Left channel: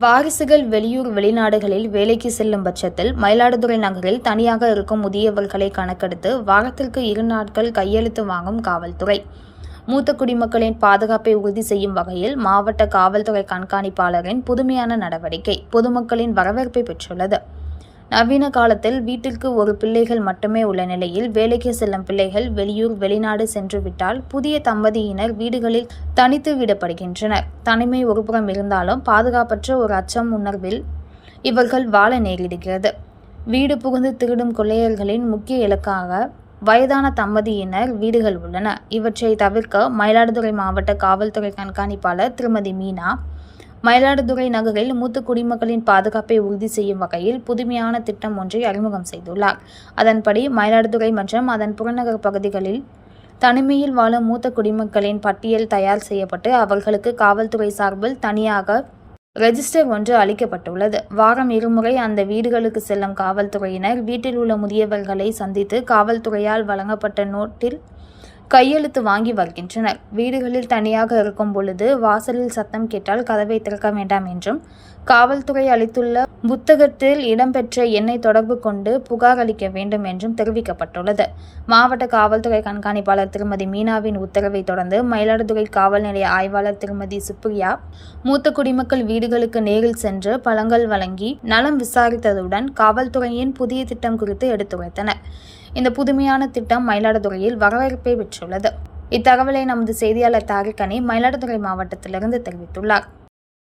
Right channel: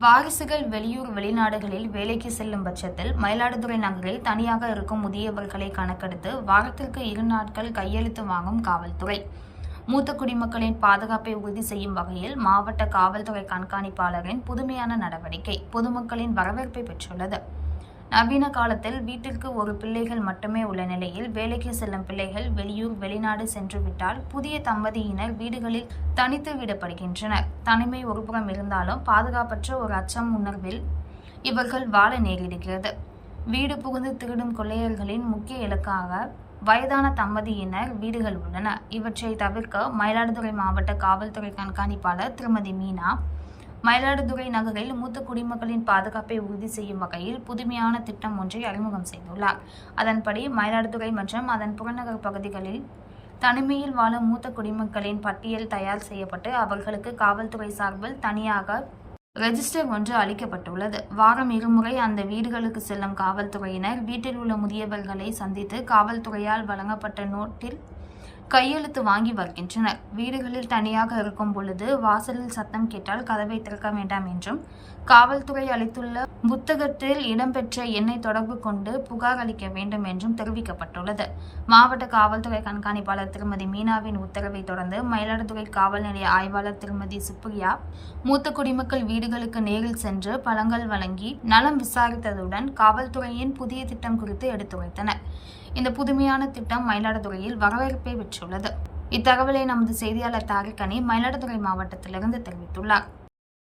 வாரிசுகள் வெளியூர் வெளிநாடுகளில் வேலைக்கு செல்லும் பட்சத்தில் மயிலாடுதுறை நகரில் தனியாக இருக்கும் முதியவர்களை கணக்கெடுத்து வாரத்திற்கு இரு நாட்கள் கையெழுத்து வாங்கும் காவல்துறை. மூத்த குடிமக்களின் பாதுகாப்பை உறுதி செய்யும் வகையில் மாவட்ட காவல்துறை கண்காணிப்பாளரின் புதுமையான நடவடிக்கை பொதுமக்களின் வரவேற்பை பெற்றுள்ளது. நவீன காலத்தில் வீட்டிற்கு ஒரு பிள்ளைகள் மட்டுமே உள்ள நிலையில் வேலைக்கு செல்லும் பிள்ளைகள் வெளியூர் வெளிநாடு சென்று விட்டால் புதிய தம்பதியினர் வீடுகளில் தனித்து விடப்படுகின்றனர். தனிமை ஒருபுறம் இருந்தாலும் பாதுகாப்பற்ற ஒரு அச்சம் உணர்வில் இவர்கள் வாழ நேரிடுகிறது. வீடு புகுந்து திருடும் கொள்ளையர்களின் முக்கிய இலக்காக வயதான தம்பதியினர் வீடுகள் உள்ளன. இவற்றை தவிர்க்க மயிலாடுதுறை மாவட்ட காவல்துறை கண்காணிப்பாளர் திருமதி மீனா மயிலாடுதுறை நகரில் மூத்த குடிமக்களின் பாதுகாப்பை உறுதி செய்யும் வகையில் புதுமையான திட்டம் ஒன்றை அறிமுகம் செய்துள்ளார். அதன்படி மயிலாடுதுறை மற்றும் அதன் புறநகர் பகுதிகளில் தனிமையில் வாழும் மூத்த குடிமக்களின் பட்டியல் தயார் செய்யப்பட்டு அவர்களுக்கு காவல்துறை சார்பில் தனியாக ரெஜிஸ்டர் ஒன்று அளிக்கப்பட்டுள்ளது. வாரம் இருமுறை அந்த வீடுகளுக்கு செல்லும் காவல்துறையினர் வீட்டில் உள்ள முதியவர்களை சந்தித்து காவல்துறையால் வழங்கப்பட்ட நோட்டில் கையெழுத்து வாங்கி வருகின்றனர். வீடுகளில் தனியாக இருக்கும் பொழுது வாசலில் சத்தம் கேட்டால் கதவை திறக்க வேண்டாம் என்றும் காவல்துறை அளித்துள்ள புத்தகத்தில் இடம்பெற்ற எண்ணை தொடர்பு கொண்டு புகார் அளிக்க வேண்டும் என்றும் தெரிவிக்கப்பட்டுள்ளது. மாவட்ட காவல்துறை கண்காணிப்பாளர் திருமதி மீனாவின் உத்தரவை தொடர்ந்து மயிலாடுதுறை காவல் நிலைய ஆய்வாளர் திருமதி சுப்ரியா மூத்த குடிமக்கள் வீடுகளுக்கு நேரில் சென்று பழங்கள் வழங்கி நலம் விசாரித்ததுடன் காவல்துறையின் புதிய திட்டம் குறித்து எடுத்துரைத்தனர். இந்த புதுமையான திட்டம் மயிலாடுதுறையில் வரவேற்பை பெற்றுள்ளது. இத்தகவலை நமது செய்தியாளர் தாரிகனி மயிலாடுதுறை மாவட்டத்திலிருந்து தெரிவித்துள்ளார்.